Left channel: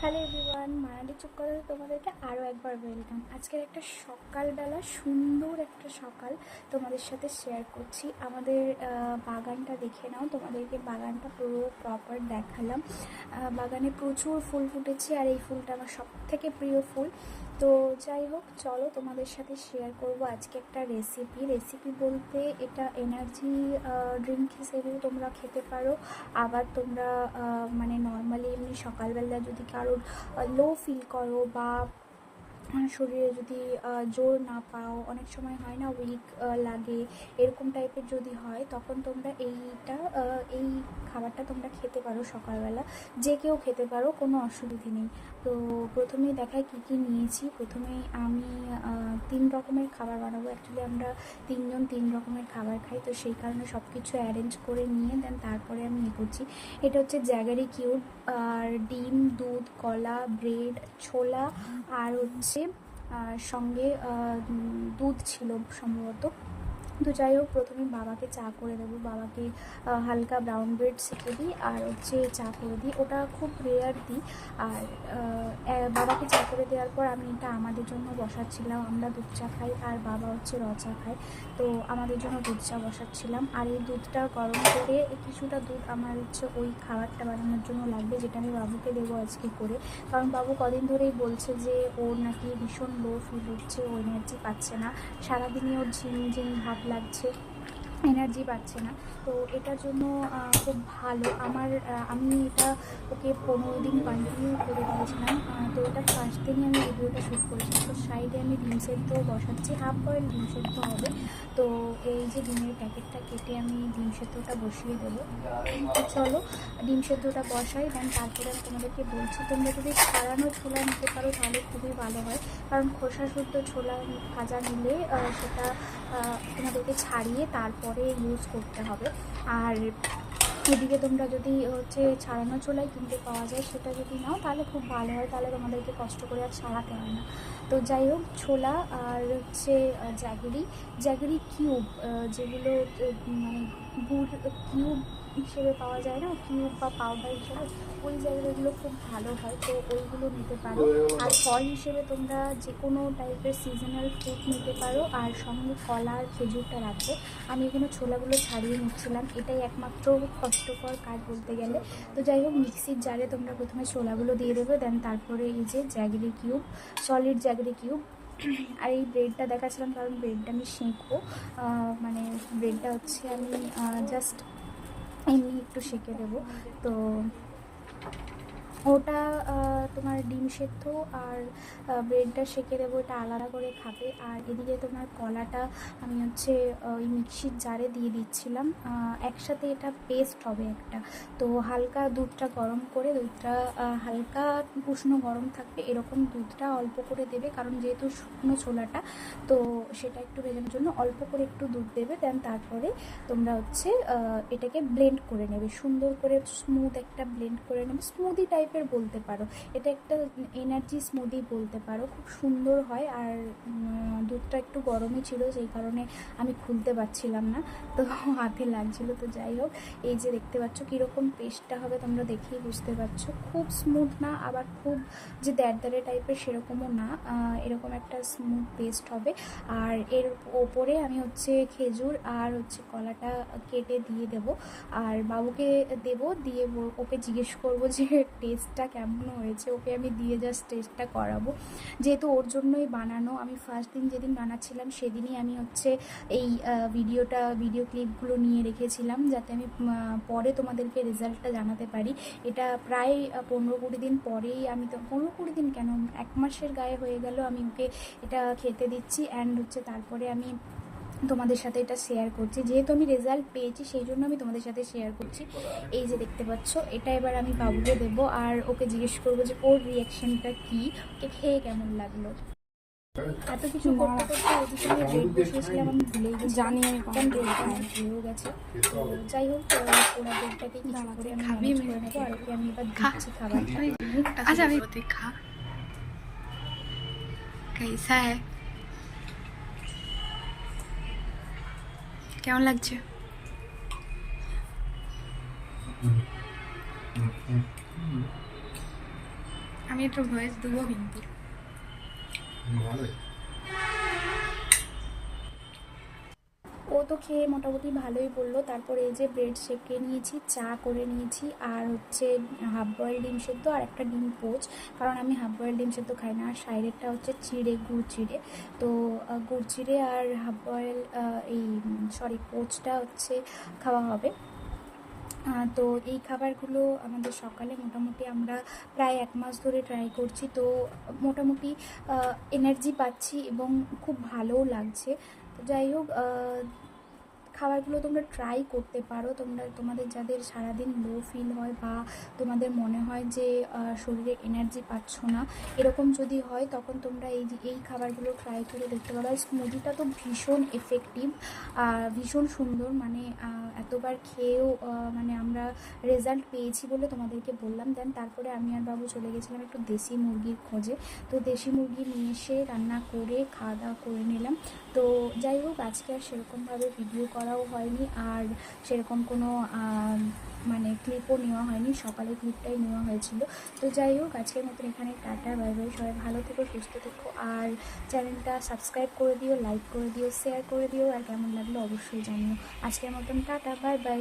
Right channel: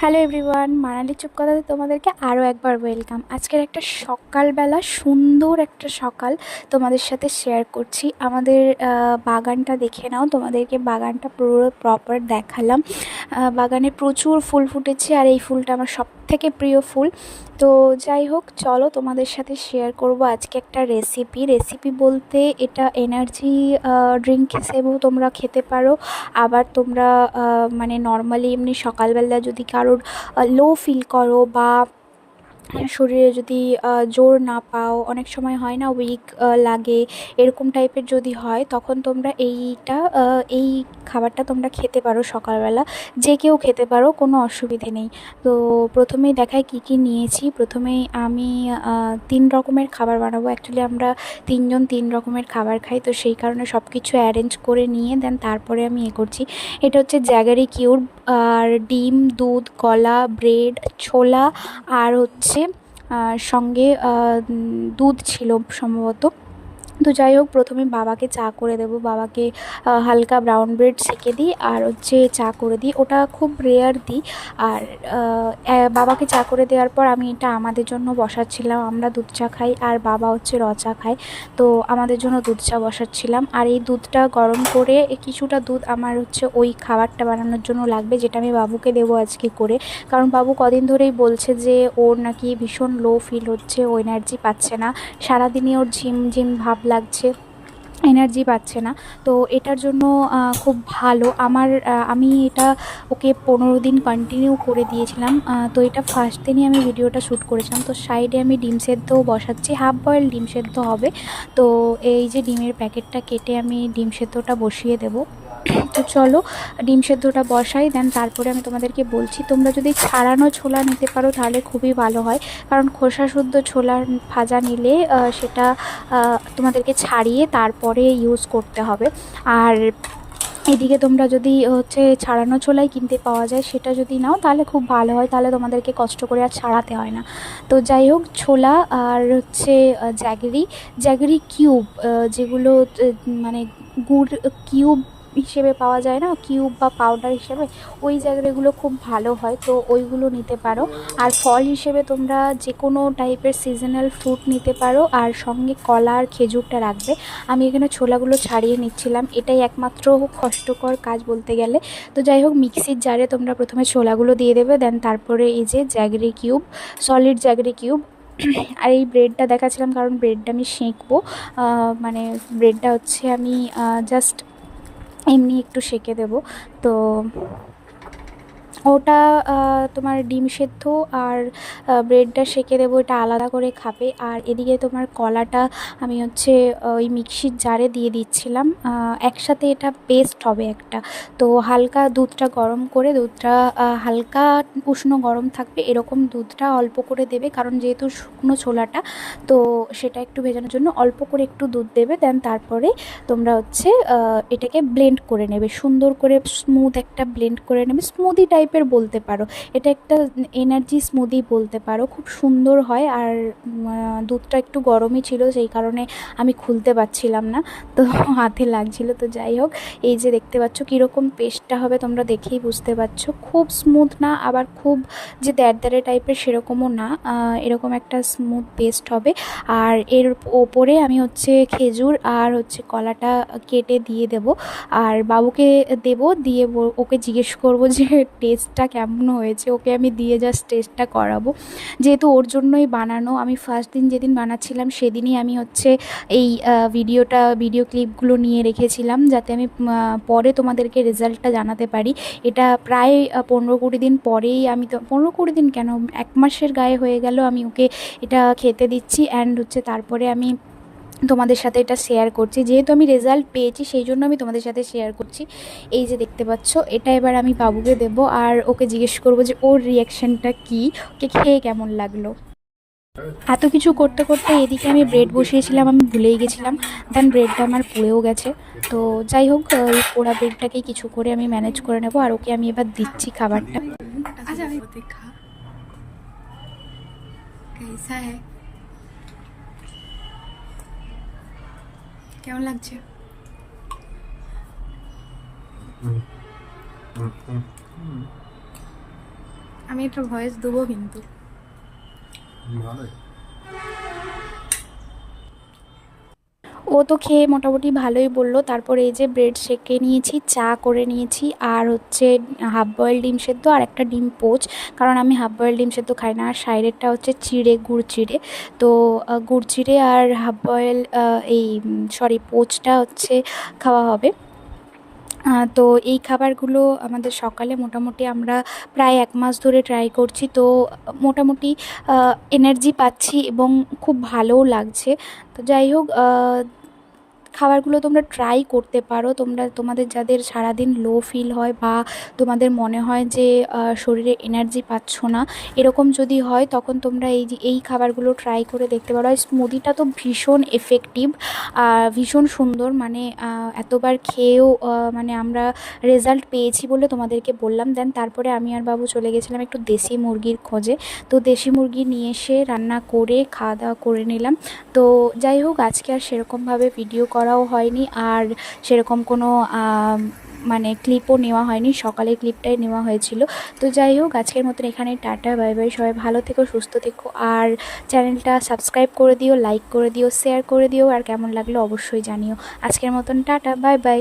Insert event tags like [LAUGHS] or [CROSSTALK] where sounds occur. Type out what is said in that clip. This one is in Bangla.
হ্যালো এভরিওয়ান মানালি চুপ কথাতে তোমাদেরকে আরও একবার ওয়েলকাম আজকের একটা সকালবেলা সুন্দর একটা সকাল তোমাদের সাথে শেয়ার করছি। আমাদের বাগানটা দেখে নাও, তোমাদেরকে বাগানটা পুরো প্রপার দেখালাম। বাগানে প্রচুর ফুল ফুটেছে আর এই ফুলটা আমার সব থেকে প্রিয় ফুল। তো যাই হোক, চলো তোমাদের সাথে শেয়ার করব আজকে একটা রেসিপি রেসিপি বলতে এটা এনার্জি ড্রিঙ্ক হিসেবেও তোমরা খেতে পারো। আবার তোমরা মানে নর্মালি এমনি সকালবেলা যদি কারোর লো ফিল করো বা শরীরে যদি জোর না পাও, অনেক সময় হয় না উইক লাগে, এরকম টাইপের যদি হয়, তখন তোমরা এইটা এই খাবারটা তোমরা খেতে পারো সকালবেলা। যে কেউ খেতে পারো, কোনো অসুবিধে নেই। তো প্রথমেই দেখায় কি কি নিয়েছি। প্রথমেই আমি তিন রকমের খাবার বানাবো। অ্যাকচুয়ালি আমরা তিনজন তিন রকমের খাবার খাই, তো সেই কারণে সব কিছু অ্যারেঞ্জ করে নিয়ে দেন তারপরে আমি এ করছি। এটা হচ্ছে জ্যাগারি কিউব আর ডিম, দুধ, কলা ব্রেড ছোলা, আর হচ্ছে সঙ্গে দুধ ছিল সম্ভবত। তো যাই হোক, প্রথমে বাবাকে চা করে দেবো। বাবাকে হালকা ব্রাউন ব্রেড সেঁকে দিই আর হচ্ছে চা করে দিই। ওটা খুব রেয়ার দিই আর বাবাকে চা করে দেওয়ার পর আমি এটা আমাদের জন্য বসাচ্ছিলাম। আমরা দুধ চা খাই আর বাবা হচ্ছে র চা খায়। তো আমাদের জন্য দুধ চা বসাচ্ছিলাম। আর এই দুধটা গরম করে কিছুটা দুধ আমার হচ্ছে ওই খাবারটা বানানোর জন্য লাগবে, যেটা আমি বাবুকে দেবো আজকে করে। কারণ বাবু কদিন ধরেই বলছে যে ওর নাকি ভীষণ লো ফিল হচ্ছে, ও এনার্জি পাচ্ছে না। সারাদিনই ওর ঝিম ঝিম ভাব লাগছে এনার্জি পাচ্ছে না। তো এটার জন্য খুব ভালো। আমার আমি এটা ওকে পনেরো দিন কন্টিনিউ করে দিয়েছিলাম। তো এটা ফার্স্ট দিনই আমি ভিডিওটা শ্যুট করেছিলাম। তো সাইডে আমি ডিম সেদ্ধ বসাচ্ছি। হাফ বয়েল ডিম সেদ্ধ হবে। তো এই যে ডিমের প্যাকেটটা কেটে আমি ডিম সেদ্ধটা বসিয়ে দেবো। [CLEARS THROAT] তো চলো, ডিম সেদ্ধটা বসাই দেন তারপরে আমি তোমাদেরকে বলছি, তোমরা যদি ছাড়ানো ছোলা নিতে পারো তাহলে খুবই ভালো হয়। কারণ খোসা শুদ্ধ ছোলার ভাজা নিলে সেটা তোমাদেরকে ছাড়িয়ে তারপরে ইউজ করতে হবে। আর এদিকে তোমরা যদি, হচ্ছে, ছাড়ানো ছোলাই কিনতে পাওয়া যায়, সেটা যদি নাও, তাহলে খুব ভালো হয়, তাহলে তোমাদেরকে কষ্ট করে আর ছাড়াতে হয় না। তো যাই হোক, ছোলা আর হচ্ছে জ্যাগরি জ্যাগরি কিউব যেগুলো মানে গুড় কিউব হিসেবে পাওয়া যায় না কিউব বা পাউডার হিসেবে, ওই জায়গাগুলো খুব ভালো হয়, তো ওইগুলো নিতে পারো। আর ফল হিসেবে তোমরা যে কোনো টাইপের সিজনাল ফ্রুট নিতে পারো, আর সঙ্গে কলা আর খেজুরটা রাখবে। আমি এখানে ছোলাগুলো ছাড়িয়ে নিচ্ছিলাম, এটাই একমাত্র কষ্টকর কাজ বলতে গেলে। তো যাই হোক মিক্সির জারে তোমরা প্রথমে ছোলাগুলো দিয়ে দেবে দেন তারপরে এই যে jaggery cube solid jaggery cube আর এই ব্রেডটা দেখাচ্ছিলাম, কারণ ব্রেডটা আমি সেঁকবো। মানে ব্রেডটা হচ্ছে আমি জাস্ট এমনি একটু সেঁকে দেবো। তো ওটা তোমার ডিম সেদ্ধ আর ব্রেডটা সেঁকে দেবো, এটা আলাদা করে খাবে। আর এদিকে তোমার কলাটা আমি হচ্ছে ওই মিক্সির জারে দিয়ে দিচ্ছিলাম। একসাথে এটা পেস্ট হবে একটা। তো হালকা দুধটা গরম করে, দুধটা হালকা উষ্ণ গরম থাকবে, এরকম দুধটা অল্প করে দেবে। কারণ যেহেতু শুকনো ছোলাটা, তো সেটা একটু ভেজানোর জন্য অল্প করে একটু দুধ দেবে। দেন তারপরে তোমরা হচ্ছে এটাকে ব্লেন্ড করে নেবে। সুন্দর করে স্মুথ একটা ব্লেন্ড করে নেবে। স্মুদি টাইপের বলতে পারো। এটা একটা এনার্জি স্মুদি বলতে পারো। খুব সুন্দর হয় আর দুধটা একটু গরমই ছিল, সেই কারণে আমি খুলতে পারছিলাম না। তো [LAUGHS] হাতে লাগছিল, তো যাই হোক, এই যে দেখতে পাচ্ছ কীরকম পেস্টটা হবে তোমরা দেখেই বুঝতে পারছ। খুব স্মুথ না, আবার খুব যে দ্যারদ্যারে টাইপের সেরকমও না এরকম একটা স্মুথ পেস্ট হবে। আর এর ওপরে আমি হচ্ছে খেজুর আর হচ্ছে কলাটা কেটে দিয়ে দেব। আর বাবুকে দেব, দিয়ে ওকে জিজ্ঞেস করব যে [LAUGHS] টেস্টটা কেমন হয়েছে, ওকে আমি দিয়ে জাস্ট টেস্টটা করাবো। যেহেতু ওর জন্যই বানানো, আমি ফার্স্ট দিন যেদিন বানাচ্ছিলাম সেদিনই আমি হচ্ছে এই ভিডিওটা ভিডিও ক্লিপগুলো নিয়ে রেখেছিলাম যাতে আমি পরে তোমাদেরকে রেজাল্টটা জানাতে পারি। এটা প্রায় পনেরো কুড়ি দিন পরেই আমি তো, পনেরো কুড়ি দিন কেন? এক মাসের গায়ে হয়ে গেল, আমি ওকে এটা খেতে দিচ্ছি অ্যান্ড হচ্ছে তারপরে আমি তোমাদের সাথে এটা শেয়ার করছি যেহেতু আমি রেজাল্ট পেয়েছি সেই জন্য আমি তোমাদের সাথে শেয়ার করছি এই যে দেখতে পাচ্ছ এটা এবার আমি বাবুকে দেবো আর ওকে জিজ্ঞেস করবো যে ওর রিয়াকশানটা কী ওকে খেয়ে কেমন লাগলো এত কিছু করতে করতে এদিকে আমি ব্রেড বসিয়েছিলাম আমি ভুলেই গেছিলাম দেন ব্রেডটা আমার পুড়েও গেছে তো যাই হোক ওই পোড়া ব্রেডটাকে কিছু করে আমি ম্যানেজ করে নেবো আর ওকে আমি এবার দিচ্ছি খাবারটা अच्छा अभी देखा कैसा है কেমন লাগছে? আমি একটু ভয়েস দেবো কিন্তু। ভালোই। ও তো খেয়ে মোটামুটি ভালোই বলল। তারপরে এই যে ব্রেড সেকে নিয়েছি, চা করে নিয়েছি, আর হচ্ছে হাফ বয়েল ডিম সেদ্ধ আর একটা ডিম পোচ। কারণ আমি হাফ বয়েল ডিম সেদ্ধ খাই না, আর সাইডেরটা হচ্ছে চিড়ে, গুড় চিড়ে। তো গুড় চিড়ে আর হাফ বয়েল এই সরি পোচটা হচ্ছে খাওয়া হবে। তো এই খাবারগুলো আমাদের সকালে মোটামুটি আমরা প্রায় এক মাস ধরে ট্রাই করছি। তো মোটামুটি এনার্জি পাচ্ছি এবং খুব ভালোও লাগছে। তো যাই হোক খাবারগুলো তোমরা ট্রাই করতে পারো। তোমরা, তোমাদের যাদের সারাদিন লো ফিল হয় বা তোমাদের মনে হয় যে শরীরে এনার্জি পাচ্ছ না, এরকম যদি হয়, তখন তোমরা এই এই খাবারগুলো ট্রাই করে দেখতে পারো। আর স্মুদিটা তো ভীষণ এফেক্টিভ আর ভীষণ সুন্দর। মানে এতবার খেয়েও মানে আমরা রেজাল্ট পেয়েছি বলে তোমাদেরকে বললাম। দেন তারপরে আমি আর বাবু চলে গেছিলাম একটু দেশি মুরগির খোঁজে। তো দেশি মুরগি নিয়ে এসে রান্না করে খাওয়া দাওয়া করে নিলাম। তো যাই হোক, আজকে আর সেরকমভাবে ভিডিও করাও হয়নি আর সেরকম কোনো মানে ক্লিপও নেওয়া হয়নি। সকালে ক্লিপটাই নেওয়া হয়েছিল। তো যাই হোক, আজকের মতন এখানে টাটা, বাই বাই। সবাই ভালো থেকো, সুস্থ থেকো। আর চ্যানেলটা সাবস্ক্রাইব করে দিও লাইক করে দিও শেয়ার করে দিও। আর কেমন লাগল অবশ্যই জানিও। আজকের মতন টাটা, বাই বাই।